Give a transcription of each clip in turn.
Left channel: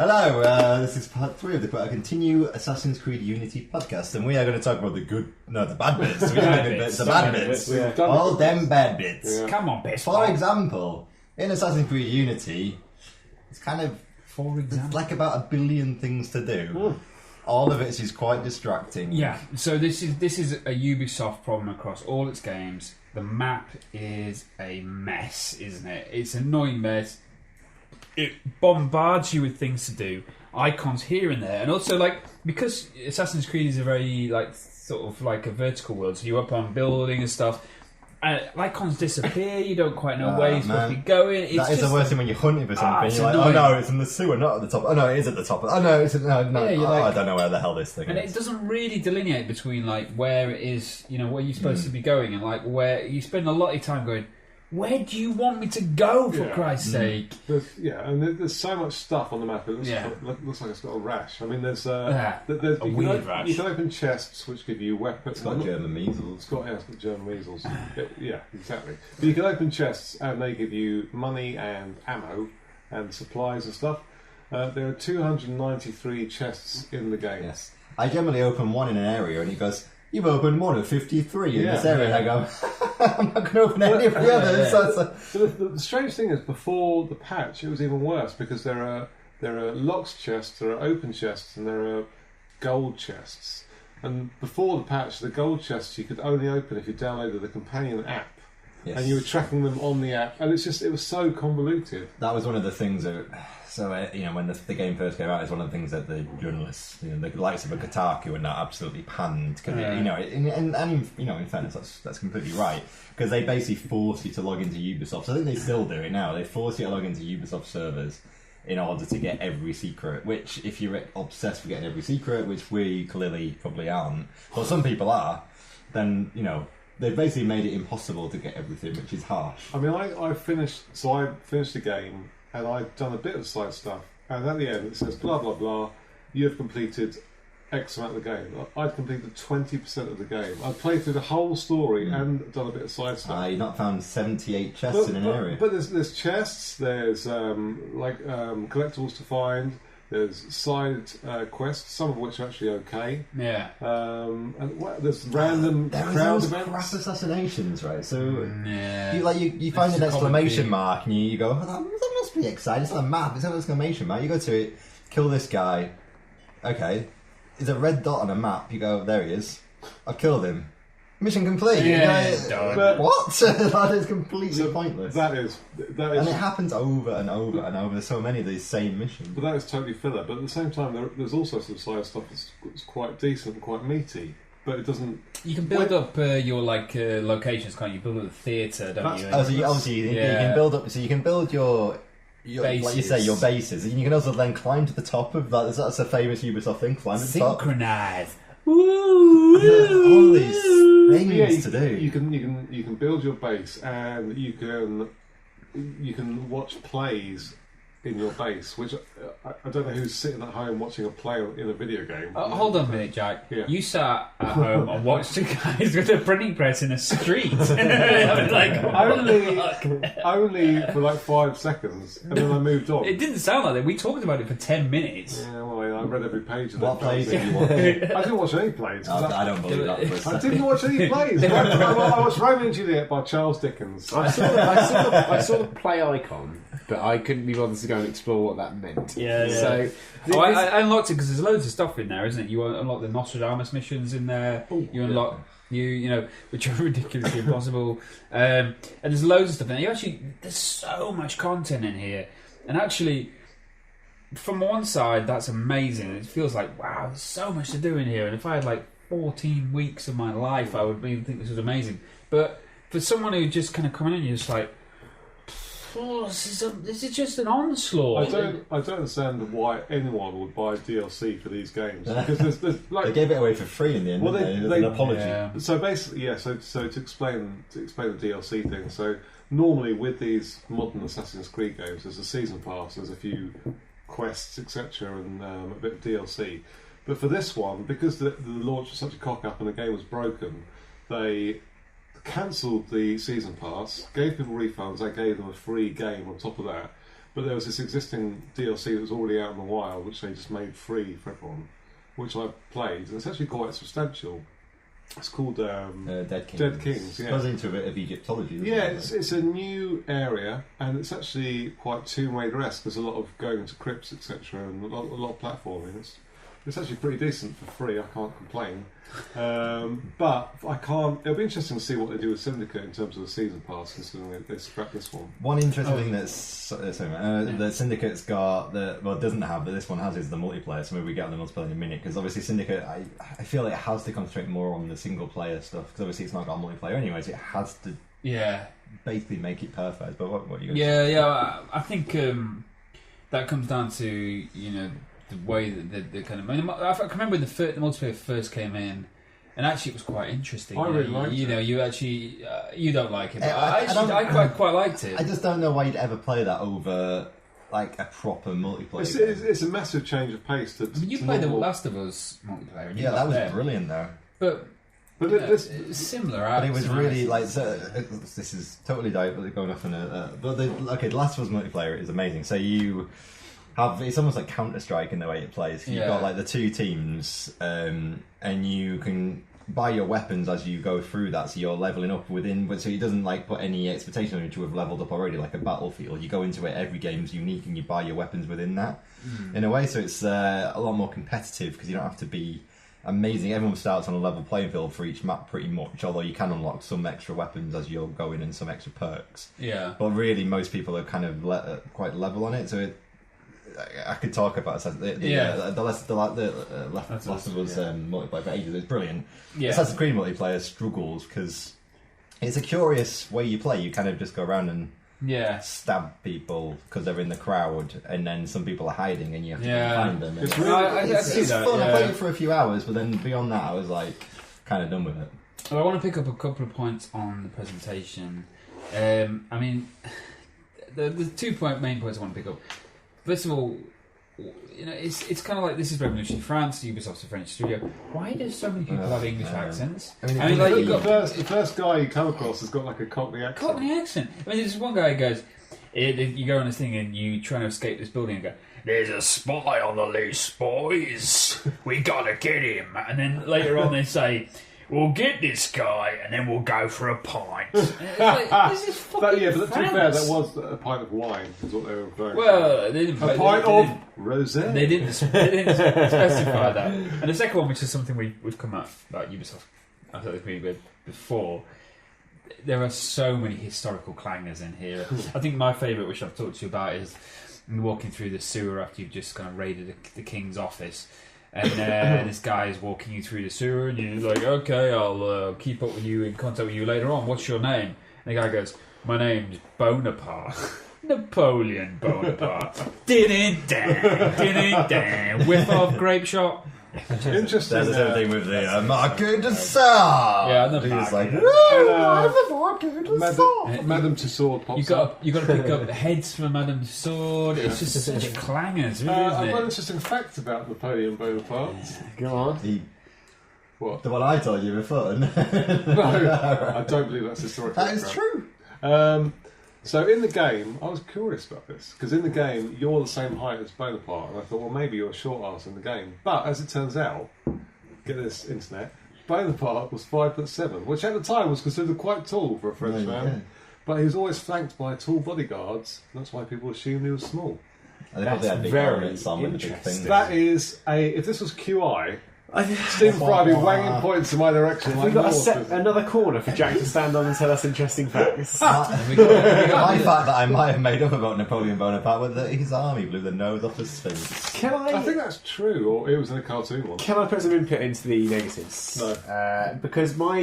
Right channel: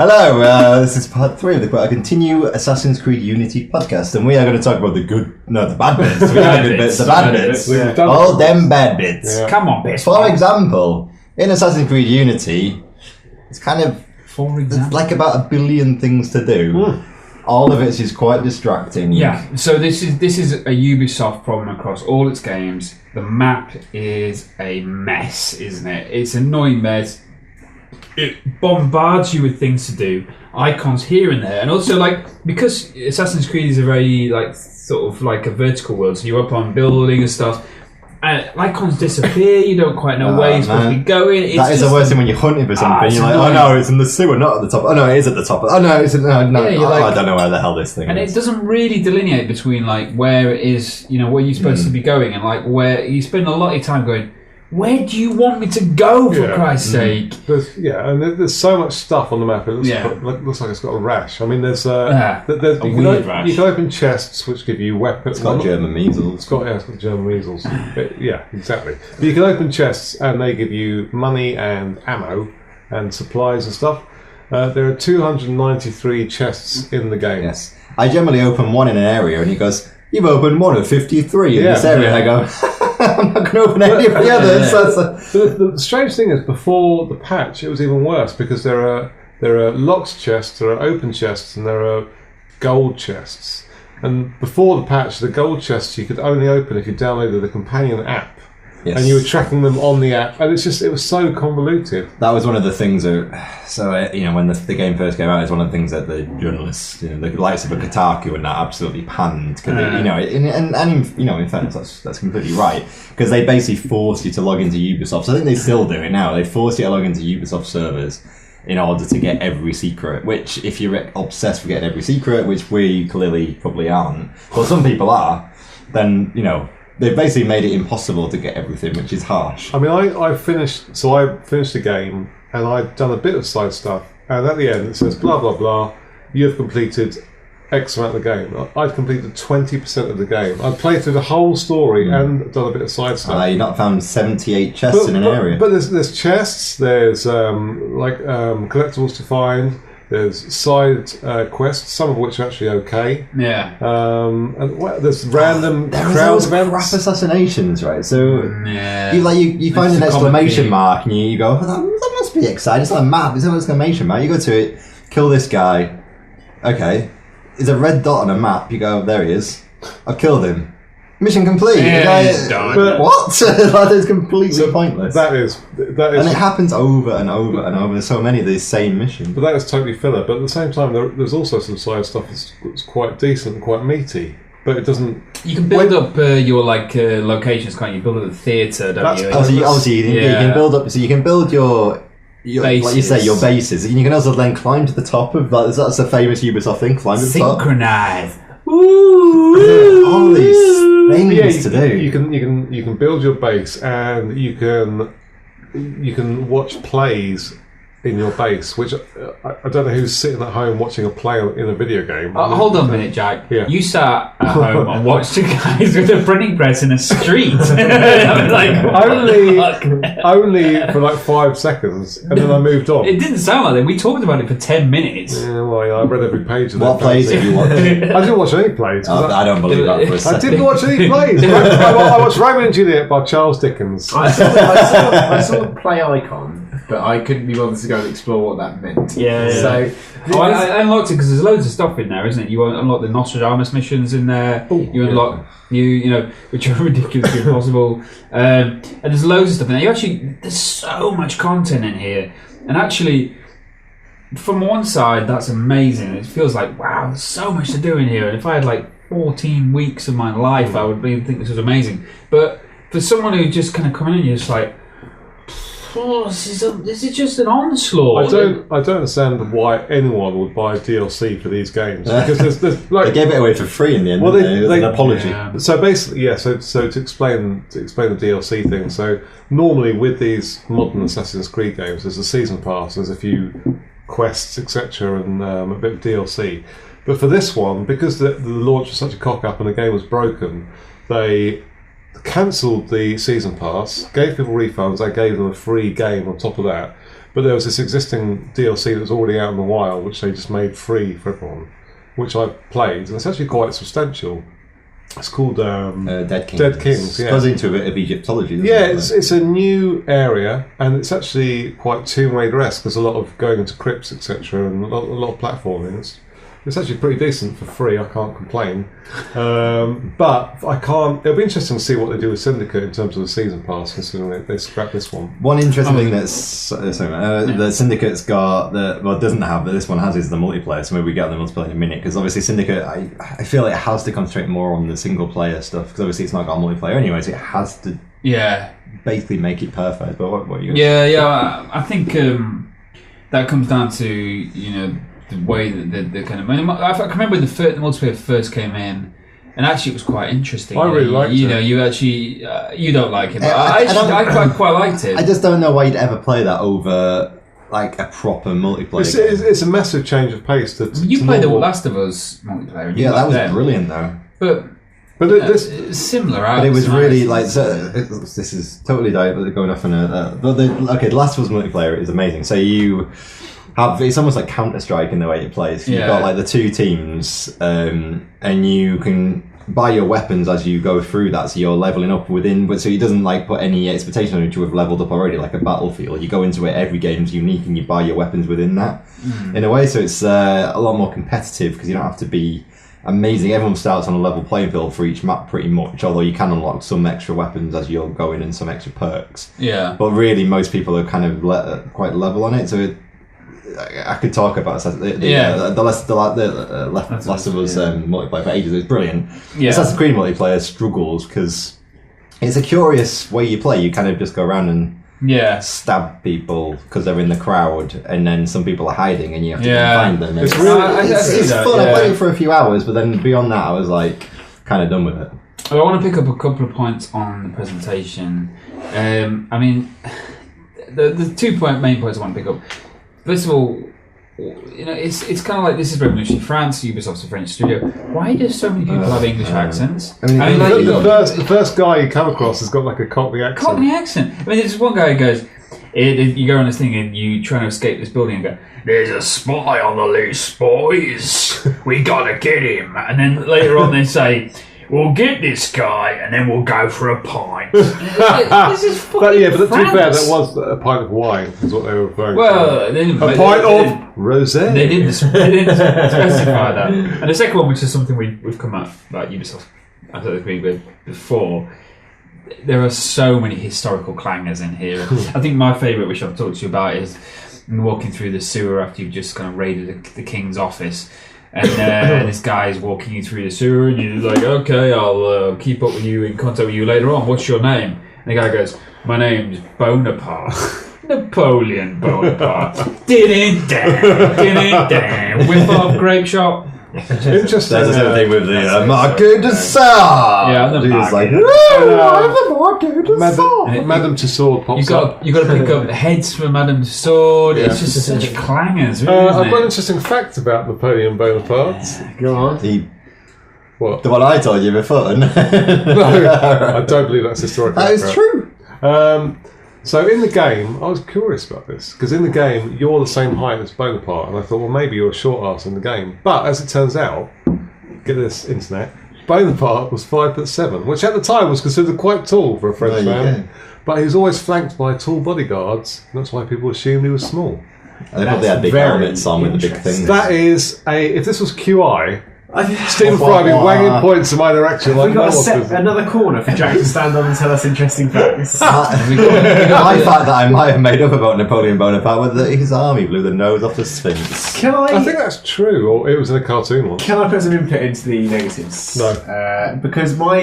Hello, this is part 3 of the Continue Assassin's Creed Unity podcast, and we are going to talk about the bad bits. The bad bits. All them bad bits. Yeah. Come on, bits. For example, in Assassin's Creed Unity, it's kind of it's like about 1 billion things to do. All of it is quite distracting. Yeah, so this is a Ubisoft problem across all its games. The map is a mess, isn't it? It's an annoying mess. It bombards you with things to do, icons here and there, and also because Assassin's Creed is a very sort of like a vertical world, so you're up on building and stuff. Icons disappear. You don't quite know where you're supposed to be going. That is the worst thing when you're hunting for something. You're like, annoying. Oh no, it's in the sewer, not at the top. Oh no, it is at the top. Oh no, it's no. Yeah, I don't know where the hell this thing is. And it doesn't really delineate between where it is, where you're supposed to be going, and where you spend a lot of your time going. Where do you want me to go, for Christ's sake? There's so much stuff on the map. It looks like it's got a rash. I mean, there's a weird rash. You can open chests which give you weapons. It's got German measles. It's got German measles. Yeah, exactly. But you can open chests and they give you money and ammo and supplies and stuff. There are 293 chests in the game. Yes. I generally open one in an area and he goes, "You've opened one of 53 in this area." And I go, I'm not going to open any of the others. The strange thing is, before the patch, it was even worse because there are locked chests, there are open chests, and there are gold chests. And before the patch, the gold chests you could only open if you downloaded the companion app. Yes. And you were tracking them on the app, and it was so convoluted. That was one of the things when the game first came out, it's one of the things that the journalists, the likes of Kotaku and that absolutely panned, because in fairness, that's completely right, because they basically forced you to log into Ubisoft. So I think they still do it now. They force you to log into Ubisoft servers in order to get every secret. Which, if you're obsessed with getting every secret, which we clearly probably aren't, but some people are, then they've basically made it impossible to get everything, which is harsh. I mean, I finished the game, and I'd done a bit of side stuff, and at the end it says, blah, blah, blah, you have completed X amount of the game. I'd completed 20% of the game. I'd played through the whole story and done a bit of side stuff. You've not found 78 chests in an area. But there's chests, there's collectibles to find, there's side quests, some of which are actually okay. Yeah. And there's random crowd events. Crap assassinations, right? So you find an exclamation mark and you go, that must be exciting. It's not a map, it's an exclamation mark. You go to it, kill this guy. Okay. There's a red dot on a map. You go, there he is. I've killed him. Mission complete. He's done. What? That is completely pointless. That is, and it happens over and over and over. There's so many of these same missions. But that is totally filler. But at the same time, there's also some side stuff that's quite decent and quite meaty. But it doesn't. You can build up your locations, can't you? Build up the theatre, don't you? Obviously, you can build up. So you can build your bases. Like you say, your bases, and you can also then climb to the top of that. That's a famous Ubisoft thing. Climb to the top. Synchronize. All these things to do. You can build your base, and you can watch plays in your base, which I don't know who's sitting at home watching a play in a video game. Hold on a minute, Jack. Yeah. You sat at home and watched two guys with a printing press in a street. Only for 5 seconds, and then I moved on. It didn't sound like that. We talked about it for 10 minutes. Yeah, well, I read every page of What plays did you watch? I didn't watch any plays. I don't believe that for a second. I didn't watch any plays. I watched Romeo and Juliet by Charles Dickens. I saw the play icon, but I couldn't be bothered to go and explore what that meant. Yeah. So I unlocked it because there's loads of stuff in there, isn't it? You unlock the Nostradamus missions in there. You unlock which are ridiculously impossible. And there's loads of stuff in there. There's so much content in here, and actually, from one side, that's amazing. It feels like, wow, there's so much to do in here. And if I had 14 weeks of my life, I would think this was amazing. But for someone who just kind of come in, you're just like, this is just an onslaught. I don't understand why anyone would buy DLC for these games, because there's they gave it away for free in the end. They an apology. Yeah. So basically, So to explain the DLC thing. So normally with these modern Assassin's Creed games, there's a season pass, there's a few quests, etc., and a bit of DLC. But for this one, because the launch was such a cock up and the game was broken, they cancelled the season pass, gave people refunds, I gave them a free game on top of that. But there was this existing DLC that was already out in the wild, which they just made free for everyone, which I played, and it's actually quite substantial. It's called Dead Kings. Dead Kings. It Yeah. goes into a bit of Egyptology. Doesn't Yeah, it? it's a new area, and it's actually quite Tomb Raider-esque. There's a lot of going into crypts, etc., and a lot of platforming. It's actually pretty decent for free. I can't complain, but I can't. It'll be interesting to see what they do with Syndicate in terms of the season pass, considering they scrapped this one. One interesting thing that Syndicate's got doesn't have, but this one has, is the multiplayer. So maybe we get on the multiplayer in a minute, because obviously Syndicate, I feel it has to concentrate more on the single player stuff, because obviously it's not got multiplayer anyways. It has to basically make it perfect. But what are you? I think that comes down to the way that the kind of. I can remember when the multiplayer first came in, and actually it was quite interesting. I really liked it. You actually you don't like it, but I quite liked it. I just don't know why you'd ever play that over like a proper multiplayer. It's a massive change of pace. You played the Last of Us multiplayer. And that was brilliant though. But this similar. But it was really like this is totally going off on a. The Last of Us multiplayer is amazing. So you have, it's almost like Counter-Strike in the way it plays. You've got like the two teams, and you can buy your weapons as you go through that, so you're leveling up within, but so it doesn't like put any expectation on you to have leveled up already, like a Battlefield. You go into it, every game's unique, and you buy your weapons within that in a way. So it's a lot more competitive, because you don't have to be amazing. Everyone starts on a level playing field for each map pretty much, although you can unlock some extra weapons as you're going and some extra perks. But really most people are kind of quite level on it, so I could talk about the Last of Us multiplayer for ages. It's brilliant. Assassin's Creed multiplayer struggles because it's a curious way you play. You kind of just go around and stab people because they're in the crowd, and then some people are hiding and you have to go and find them. And it's fun. I played it for a few hours, but then beyond that I was like kind of done with it. Well, I want to pick up a couple of points on the presentation. I mean, the two main points I want to pick up. First of all, it's kind of like, this is Revolution France, Ubisoft's a French studio. Why do so many people have English accents? I mean, the first guy you come across has got like a Cockney accent. I mean, there's one guy who goes, you go on this thing and you try to escape this building and go, "There's a spy on the loose, boys. We gotta get him." And then later on they say, "We'll get this guy and then we'll go for a pint." This is fucking but to be France. fair, that was a pint of wine, is what they were referring to. Well, they didn't, a pint of rosé. They didn't specify that. And the second one, which is something we've come at about Ubisoft, I don't agree with before, there are so many historical clangers in here. I think my favourite, which I've talked to you about, is walking through the sewer after you've just kind of raided the king's office. And this guy's walking you through the sewer, and you're like, "Okay, I'll keep up with you, in contact with you later on. What's your name?" And the guy goes, "My name's Bonaparte. Napoleon Bonaparte." Din-din-dan, whip off grape shop. Interesting. There's the same thing with the Marquis de Sade. Yeah, the He's like, I'm the Marquis de Sade. Madame Tussauds pops up. You got to pick up heads for Madame Tussauds. It's just such clangers, really, isn't I've got an it? interesting fact about Napoleon Bonaparte. Go on. What? The one I told you before. No, I don't believe that's historical. That is true. So in the game, I was curious about this, because in the game you're the same height as Bonaparte, and I thought, well, maybe you're a short ass in the game. But as it turns out, get this internet, Bonaparte was 5'7", which at the time was considered quite tall for a French man. But he was always flanked by tall bodyguards, and that's why people assumed he was small. And they probably had big helmets on with the big things. That is if this was QI, Stephen Fry would be wanging points in my direction. We've got to set another corner for Jack to stand on and tell us interesting facts. My fact that I might have made up about Napoleon Bonaparte was that his army blew the nose off the Sphinx. I think that's true, or it was in a cartoon once. Can I put some input into the negatives? No. Because my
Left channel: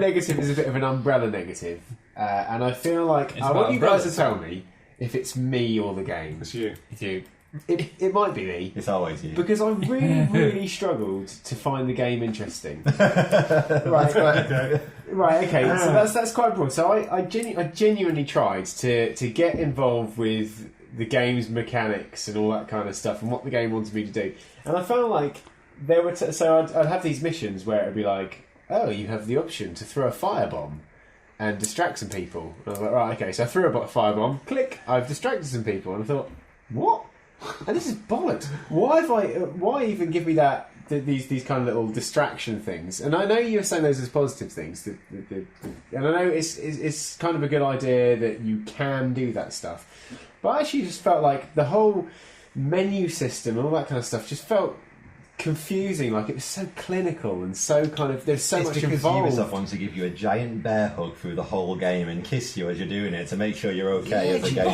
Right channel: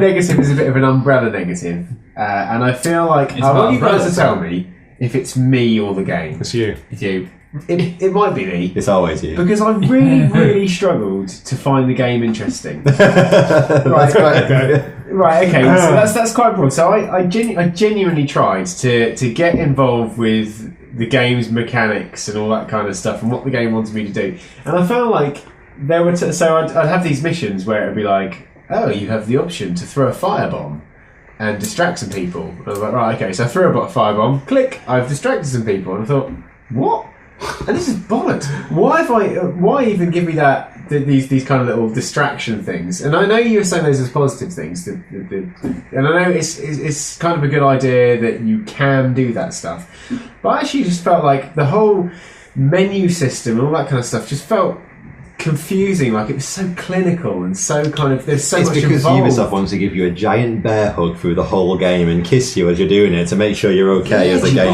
negative is a bit of an umbrella negative, and I feel like I want you guys to tell me if it's me or the game. It's you. It's you. It might be me. It's always you. Because I really struggled to find the game interesting. That's quite okay. Right, okay, so that's quite broad. So I genuinely tried to get involved with the game's mechanics and all that kind of stuff and what the game wanted me to do. And I found like there were... so I'd have these missions where it would be like, "Oh, you have the option to throw a firebomb." and distract some people. And I was like, right, okay. So I threw a firebomb. Click. I've distracted some people, and I thought, what? And this is bollocks. Why even give me these kind of little distraction things? And I know you were saying those as positive things, and I know it's kind of a good idea that you can do that stuff. But I actually just felt like the whole menu system and all that kind of stuff just felt confusing. Like it was so clinical and so kind of there's so much involved. It's because Ubisoft wants to give you a giant bear hug through the whole game and kiss you as you're doing it to make sure you're okay as a game.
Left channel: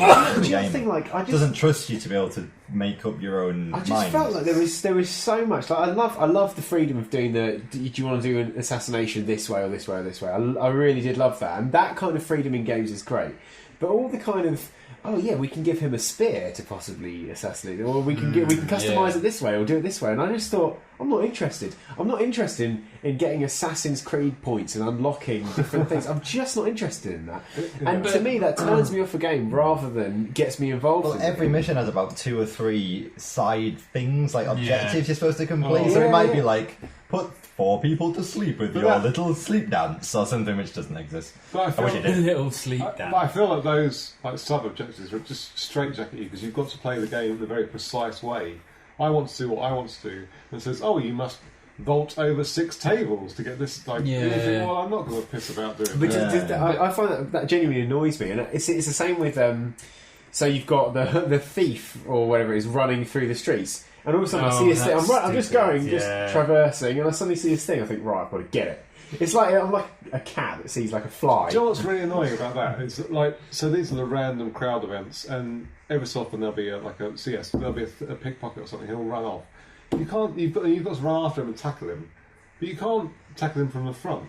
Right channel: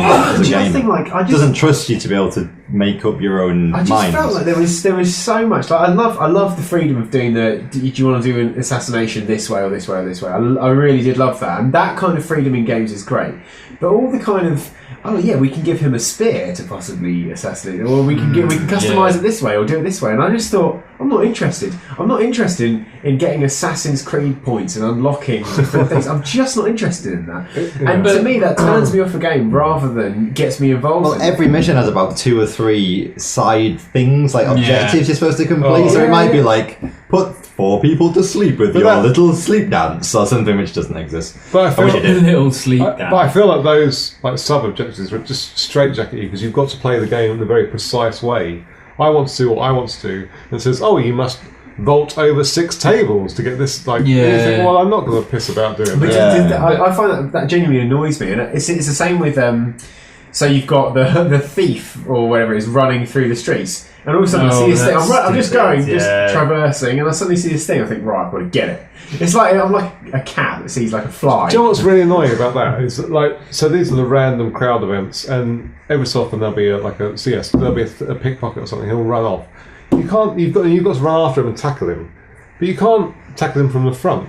Doesn't trust you to be able to make up your own mind. I just felt like there was so much. Like I love the freedom of doing do you want to do an assassination this way or this way or this way? I really did love that, and that kind of freedom in games is great. But all the kind of we can give him a spear to possibly assassinate, or we can customize it this way or do it this way. And I just thought, I'm not interested. I'm not interested in getting Assassin's Creed points and unlocking things. I'm just not interested in that. And to me, that turns me off a game rather than gets me involved. Well, every mission has about 2 or 3 side things, like objectives you're supposed to complete. So it might be like, put 4 people to sleep with your little sleep dance or something which doesn't exist. But I feel little sleep dance. But I feel like those sub-objectives are just straitjacket you because you've got to play the game in a very precise way. I want to do what I want to do. And it says, you must vault over 6 tables to get this. You think, well, I'm not going to piss about doing that. I find that genuinely annoys me, and it's the same with. So you've got the thief or whatever it is running through the streets, and all of a sudden I see this thing. I'm just traversing, and I suddenly see this thing. I think, right, I've got to get it. It's like I'm like a cat that sees like a fly. Do you know what's really annoying about that? Is so these are the random crowd events, and every so often there'll be there'll be a pickpocket or something. He'll run off. You've got to run after him and tackle him, but you can't tackle him from the front.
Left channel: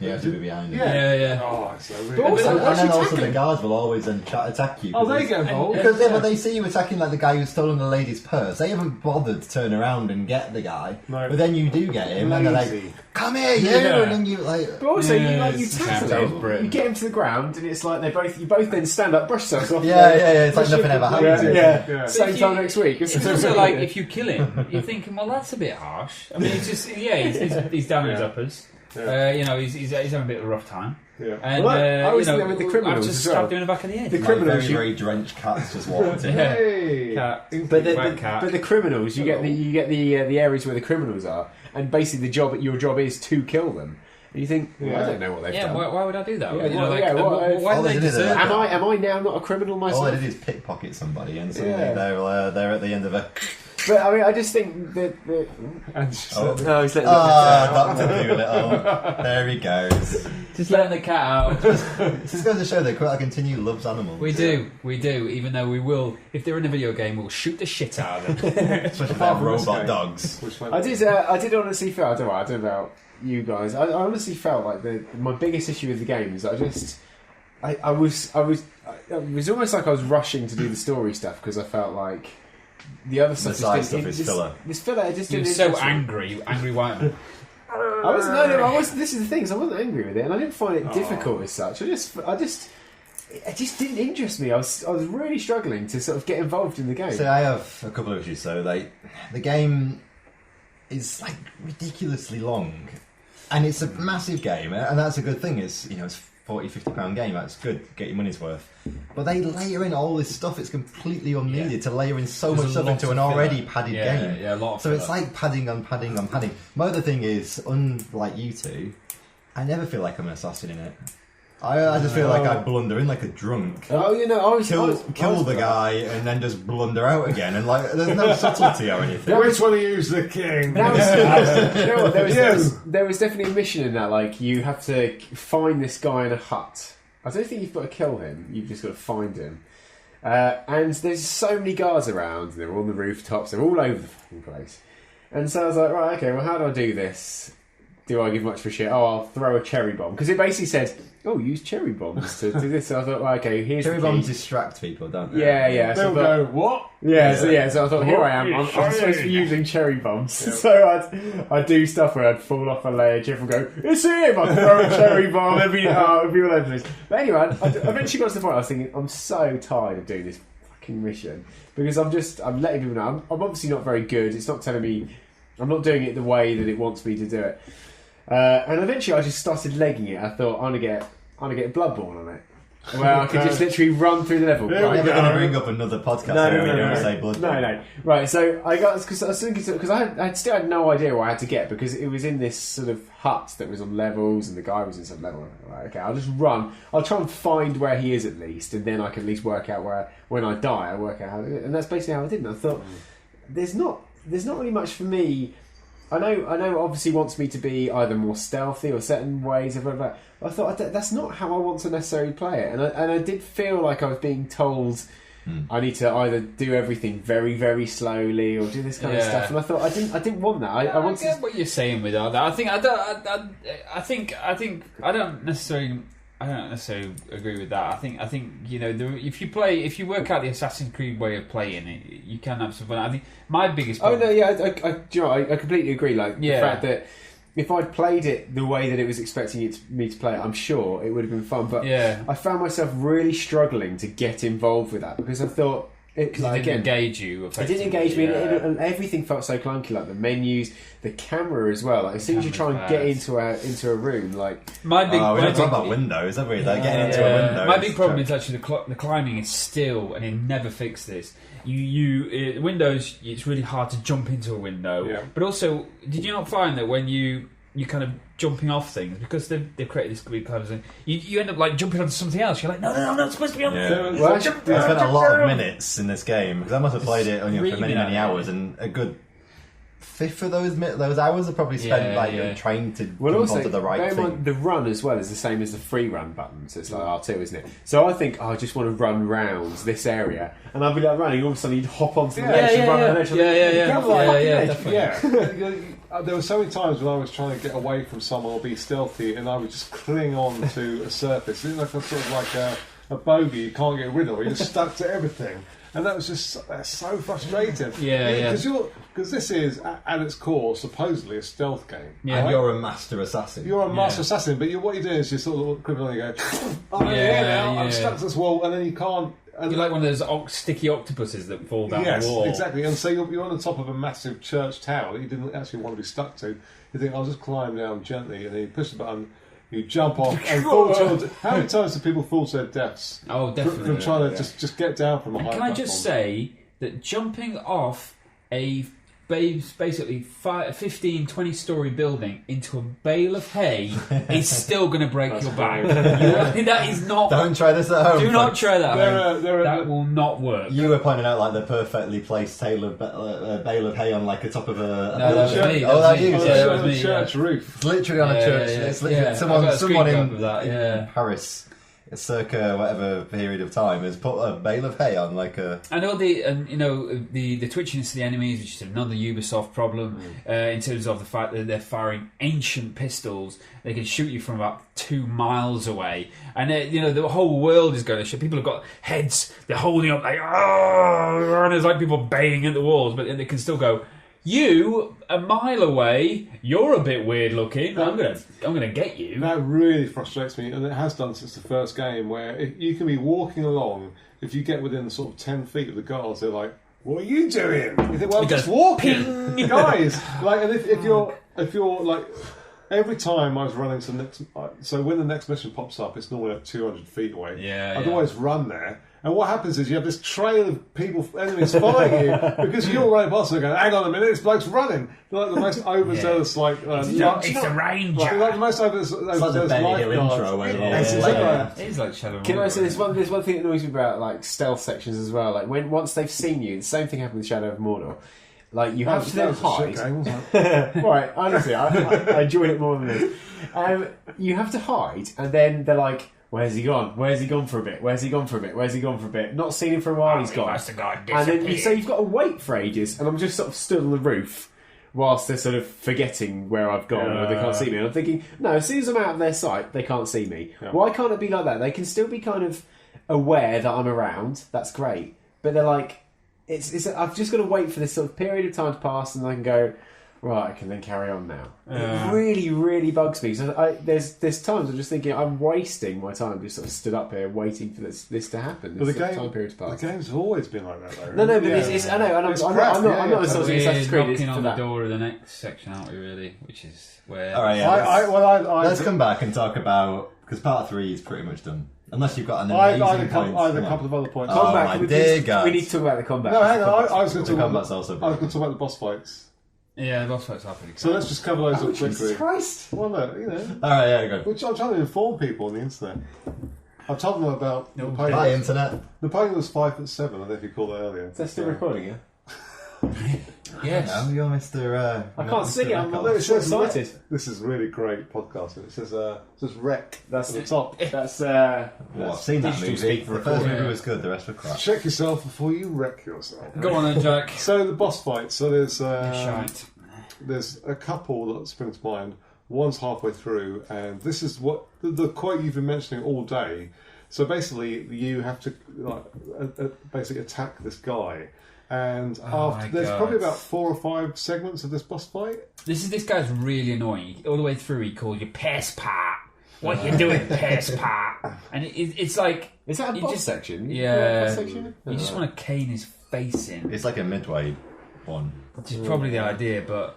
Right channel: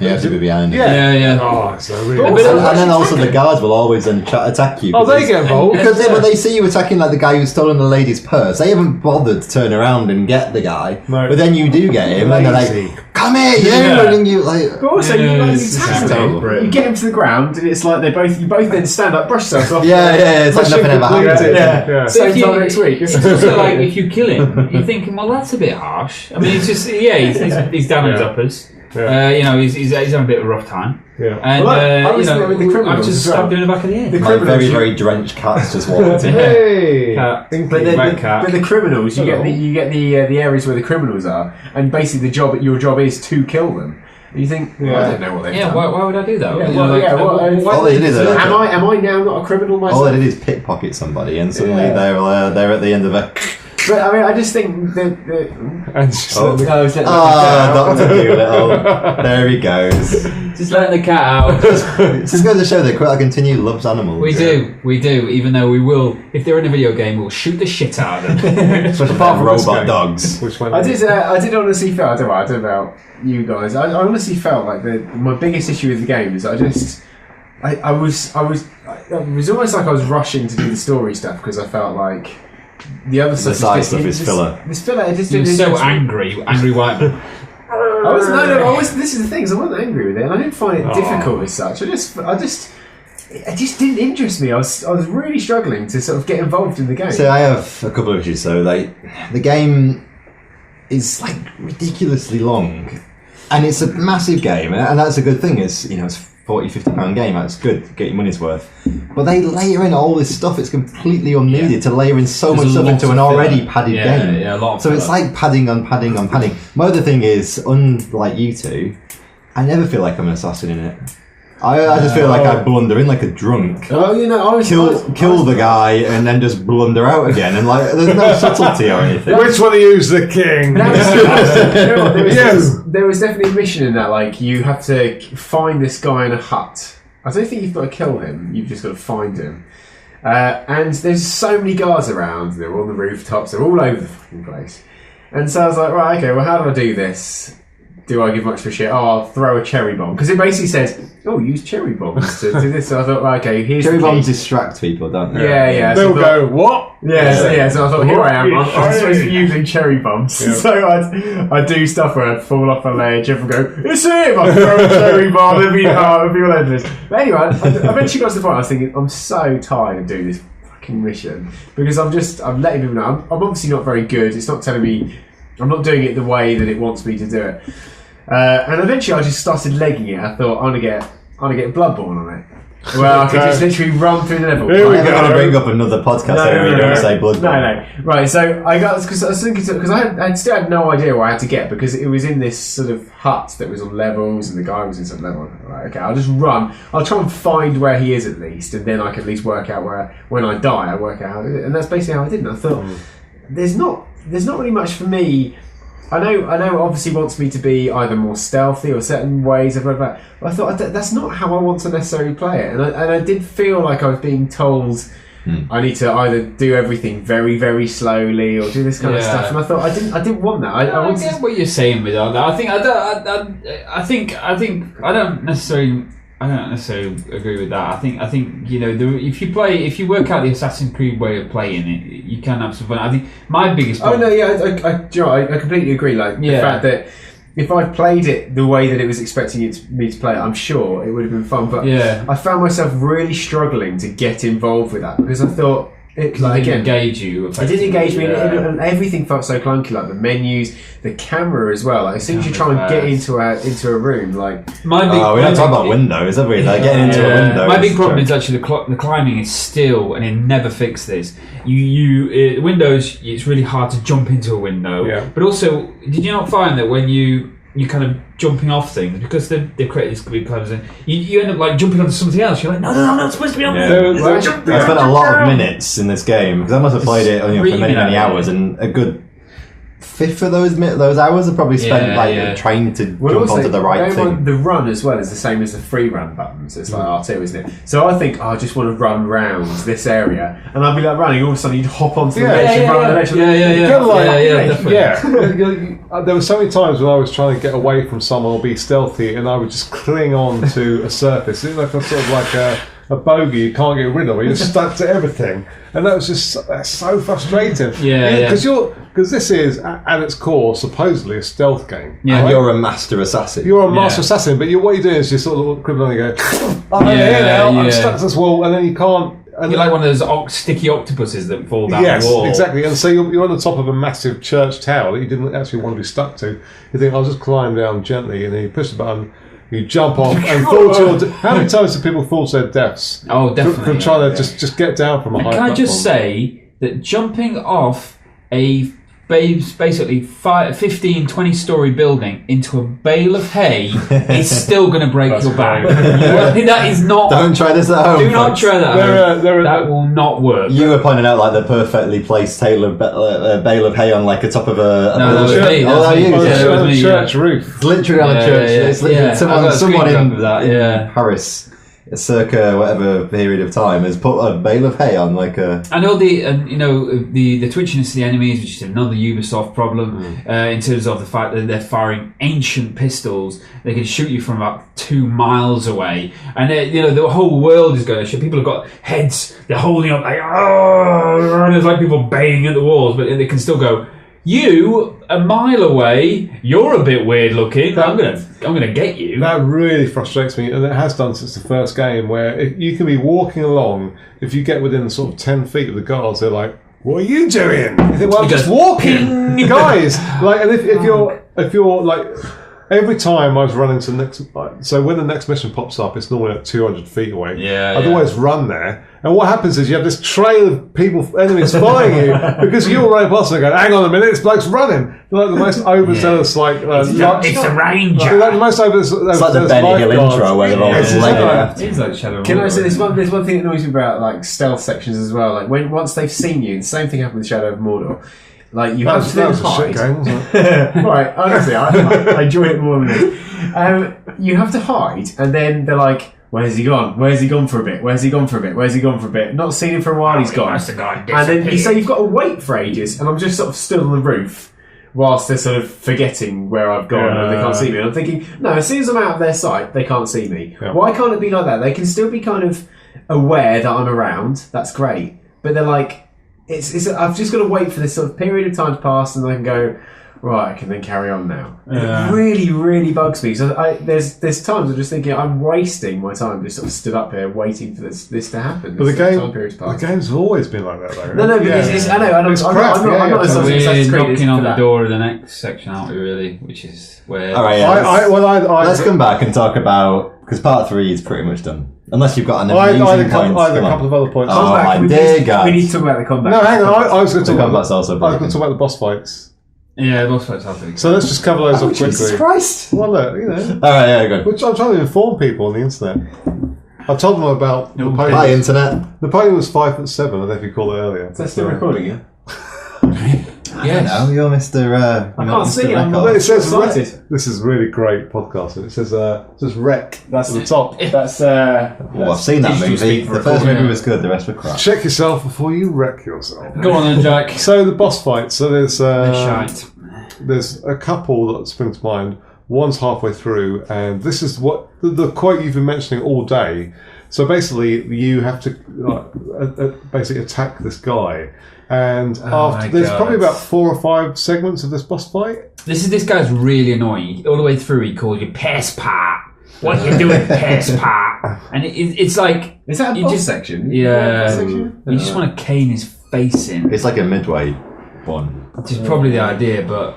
You have to be behind him. Yeah. Oh, it's so really. And then also the guards will always then attack you. Oh, they get involved. Because when they see you attacking like the guy who's stolen the lady's purse, they haven't bothered to turn around and get the guy. No. But then you do get him, and they're like, "Come here, you!" And you like. But also, you tackle him. You get him to the ground, and it's like you both then stand up, brush yourselves off. Yeah. It's like nothing ever happened. Yeah. Same time next week. It's also like if you kill him, you're thinking, well, that's a bit harsh. I mean, it's just he's down his uppers. Yeah. He's having a bit of a rough time. Yeah. And I've just stabbed him in the back of the head. Like very, very drenched cats just walked in. Hey! Cat. But the criminals, you get the areas where the criminals are, and basically your job is to kill them. You think, I don't know what they've done. Why would I do that? Am I now not a criminal myself? All they did is pickpocket somebody, and suddenly they're at the end of a. But I mean, I just think that. Dr. Doolittle. There he goes. Just letting the cat out. It's just going to show that Quetta Continue loves animals. We do. Even though we will, if they're in a video game, we'll shoot the shit out of them. Especially apart from robot dogs. I did honestly feel. I don't know about you guys. I honestly felt like my biggest issue with the game is I was almost like I was rushing to do the story stuff because I felt like. The other stuff is filler. This filler, it just you're so angry white man. This is the thing, I wasn't angry with it, and I didn't find it difficult as such. It just didn't interest me. I was really struggling to sort of get involved in the game. So I have a couple of issues. So the game is like ridiculously long, and it's a massive game, and that's a good thing. It's £40-50 game, that's good, get your money's worth. But they layer in all this stuff, it's completely unneeded to layer in so much stuff into an already padded game. Yeah, a lot of so it's like padding on padding on padding. My other thing is, unlike you two, I never feel like I'm an assassin in it. I just feel like I blunder in like a drunk. Kill the guy and then just blunder out again, and like there's no subtlety or anything. Which one of you is the king? There was definitely a mission in that, like you have to find this guy in a hut. I don't think you've got to kill him, you've just got to find him. And there's so many guards around, they're on the rooftops, they're all over the fucking place. And so I was like, right, okay, well how do I do this? Do I give much of a shit? I'll throw a cherry bomb. Because it basically says, use cherry bombs to do this. So I thought, right, okay, here's cherry bombs distract people, don't they? Yeah. They'll go, what? Yeah, so I thought, here I am. I'm supposed to be using cherry bombs. Yeah. So I'd do stuff where I'd fall off a ledge, everyone go, it's him! I'd throw a cherry bomb, it'd be all over this. But anyway, I eventually got to the point I was thinking, I'm so tired of doing this fucking mission. Because I'm letting people know, I'm obviously not very good. It's not telling me, I'm not doing it the way that it wants me to do it. And eventually I just started legging it. I thought, I'm I'd get Bloodborne on it. Well, I could just literally run through the level. Here we I'm go. going to bring up another podcast area you don't say Bloodborne. No. Right, so I got because I was thinking because I still had no idea what I had to get because it was in this sort of hut that was on levels and the guy was in some level. Right, okay, I'll just run. I'll try and find where he is at least, and then I can at least work out where when I die, I work out how. And that's basically how I did. And I thought there's not really much for me. I know. Obviously, wants me to be either more stealthy or certain ways I've read about. But I thought that's not how I want to necessarily play it, and I did feel like I was being told I need to either do everything very, very slowly or do this kind of stuff. And I thought I didn't want that. I get what you're saying with all that. I don't necessarily agree with that. I think if you work out the Assassin's Creed way of playing it, you can have some fun. I think my biggest problem... I completely agree. Like the fact that if I played it the way that it was expecting me to play it, I'm sure it would have been fun. But I found myself really struggling to get involved with that because I thought it didn't engage you. It didn't engage me, and everything felt so clunky. Like the menus, the camera as well. Like as soon as you try and get into a room, like we're not talking about windows, are we? Like getting into a window. My big problem is actually the climbing is still, and it never fixed this. Windows, it's really hard to jump into a window. But also, did you not find that when you kind of jumping off things because they've created this weird kind of thing, you end up like jumping onto something else. You're like, no, I'm not supposed to be on there. I spent a lot of minutes in this game because I must have played it for many hours, and a good fifth of those hours I probably spent trying to jump onto the right thing. The run as well is the same as the free run buttons. It's like R2, isn't it? So I think I just want to run round this area, and I'll be like running. All of a sudden, you'd hop onto the ledge and run on the ledge. Definitely. There were so many times when I was trying to get away from someone or be stealthy, and I would just cling on to a surface. It's like a sort of like a bogey you can't get rid of. You're stuck to everything, and that was just so frustrating. Because this is at its core supposedly a stealth game. Yeah, and you're a master assassin. You're a master assassin, but what you're doing is you sort of cribbling and go, I'm here now, I'm stuck to this wall, and then you can't. And you're like one of those sticky octopuses that fall down the wall. Yes, exactly. And so you're on the top of a massive church tower that you didn't actually want to be stuck to. You think, I'll just climb down gently, and then you push the button, you jump off, and fall to your death. How many times do people fall to their deaths? Oh, definitely. From trying to just get down from a high platform. Can I just say that jumping off a basically 15, 20-story building into a bale of hay is still going to break your back. That is not... Don't try this at home. Do not try that at home. That will not work. You were pointing out like the perfectly placed bale of hay on like the top of a... No, that was me. That was me. Church roof. It's literally on a church. It's literally someone in Paris, circa whatever period of time, has put a bale of hay on like a... I know the twitchiness of the enemies, which is another Ubisoft problem, in terms of the fact that they're firing ancient pistols. They can shoot you from about 2 miles away, and the whole world is going to shoot. People have got heads, they're holding up like, oh, there's like people banging at the walls, but they can still go, you, a mile away, you're a bit weird looking. I'm gonna get you. That really frustrates me, and it has done since the first game. Where you can be walking along, if you get within sort of 10 feet of the guards, they're like, "What are you doing?" You think, "Well, I'm just walking, guys." Like, and if you're like. Every time I was running to the next... So when the next mission pops up, it's normally like 200 feet away. I'd always run there. And what happens is you have this trail of enemies following you because you're running past and they go, hang on a minute, this bloke's running. They're like the most overzealous, it's a ranger. Like the most overzealous. It's like the Benny Hill intro where they're all just It's like Shadow of Can I say there's one thing that annoys me about like stealth sections as well. Like once they've seen you, the same thing happened with Shadow of Mordor. Like you have to then hide. Game, wasn't it? Right, honestly, I enjoy it more than this. You have to hide, and then they're like, "Where's he gone? Where's he gone for a bit? Where's he gone for a bit? Where's he gone for a bit?" Not seen him for a while. He's gone. And then you've got to wait for ages, and I'm just sort of stood on the roof whilst they're sort of forgetting where I've gone and they can't see me. And I'm thinking, no, as soon as I'm out of their sight, they can't see me. Yeah. Why can't it be like that? They can still be kind of aware that I'm around. That's great, but they're like. I've just got to wait for this sort of period of time to pass, and I can go, right, I can then carry on now. Yeah. It really, really bugs me. So there's times I'm just thinking I'm wasting my time just sort of stood up here waiting for this to happen. But the game's always been like that, though. No, but I know. I'm not as we're knocking on the door of the next section, aren't we? Really, which is where. All right, let's come back and talk about Because part 3 is pretty much done. Unless you've got an I amazing had a point. couple of other points. Oh, Combat, my we dear need- God. We need to talk about the combat. No, hang on. I was going to The talk combat's also about broken. the boss fights. Yeah, boss fights are pretty. So let's just cover those off Jesus quickly. Christ! Well, look, Alright, yeah, good. which I'm trying to inform people on the internet. I've told them about Bye, Napoleon. internet. Napoleon was 5'7", I don't know if you called it earlier. Is that still recording, yeah? Yes. No, you're Mr. I can't see. I'm Well, it says excited. this is really great podcasting. It says wreck That's at the top. That's Well, I've seen that digital movie. speak for The first recording. movie was good, the rest were crap. Check yourself before you wreck yourself. Go on then, Jack. So the boss fight. So there's Shite. there's a couple that spring to mind. One's halfway through, and this is what the quote you've been mentioning all day. So basically, you have to basically attack this guy, and after there's probably about 4 or 5 segments of this boss fight. This guy's really annoying. All the way through, he calls you piss pot. What you doing, piss pot? And it's like Is that a you boss just section? yeah. Section? You just want to cane his face in. It's like a midway one. Which is probably the idea, but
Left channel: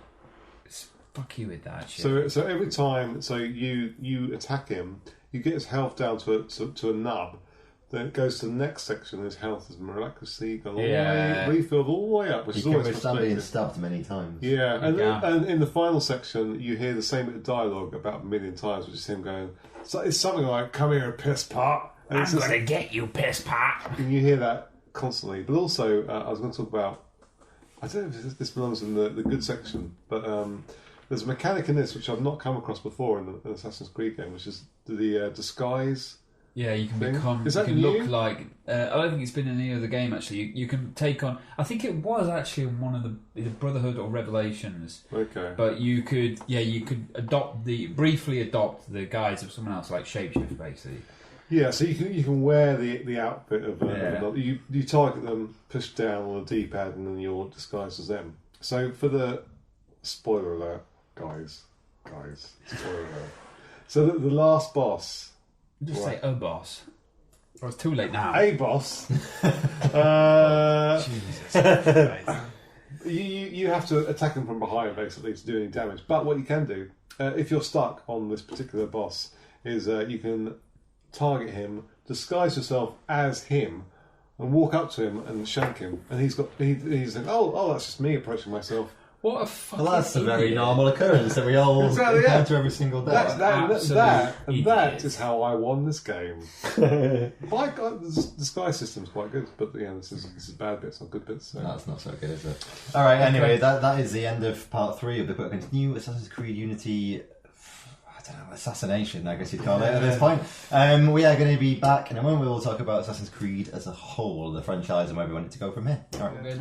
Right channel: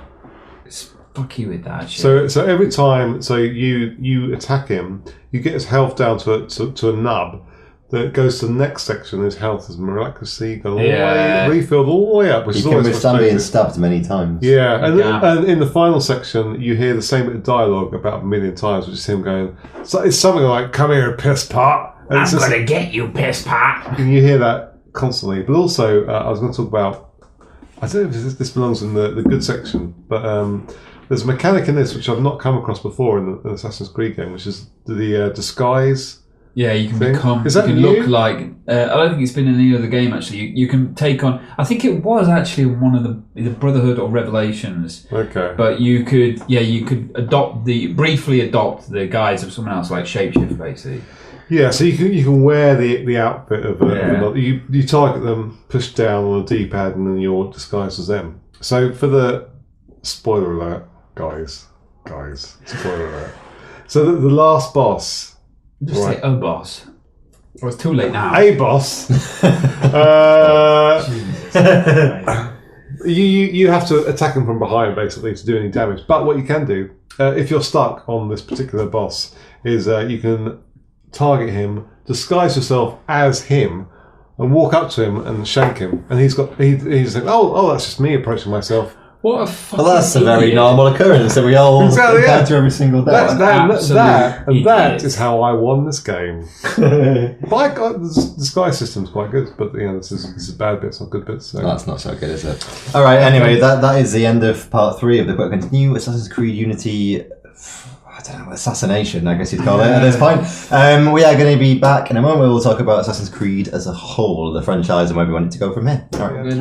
it's fuck you with that shit. So every time, you attack him, you get his health down to a nub. That goes to the next section. His health is miraculously gone all the way, refilled all the way up, which You is can always withstand being frustrating. stabbed many times. Yeah, Yeah. and in the final section, you hear the same bit of dialogue about a million times, which is him going. So it's something like, "Come here, piss pot," and it's just, get you, piss pot. and you hear that constantly. But also, I was going to talk about. I don't know if this belongs in the good section, but there's a mechanic in this which I've not come across before in the Assassin's Creed game, which is the disguise. Yeah, you can Thing? become. Is You that can new? look like. I don't think it's been in any other game actually. You can take on. I think it was actually one of the Brotherhood or Revelations. Okay. But you could briefly adopt the guise of someone else, like shapeshift basically. Yeah, so you can wear the outfit of Yeah. you target them, push down on the D-pad, and then you're disguised as them. So for the spoiler alert, guys, spoiler alert. So the last boss, Just Right. say, oh boss. Oh, it's too late now. a boss, you have to attack him from behind basically to do any damage. But what you can do, if you're stuck on this particular boss, is you can target him, disguise yourself as him, and walk up to him and shank him. And he's like, oh, that's just me approaching myself. What a fucking Well, that's a very idiot. normal occurrence that we all Exactly, yeah. encounter every single day. absolute That idiot. is how I won this game. But I got the disguise system's quite good, but this is bad bits, not good bits. So. That's not so good, is it? All right. Anyway, that is the end of part 3 of the book. Continue Assassin's Creed Unity. I don't know, assassination, I guess you'd call it at this point. We are going to be back in a moment. We'll talk about Assassin's Creed as a whole, the franchise, and where we want it to go from here. All right. Good.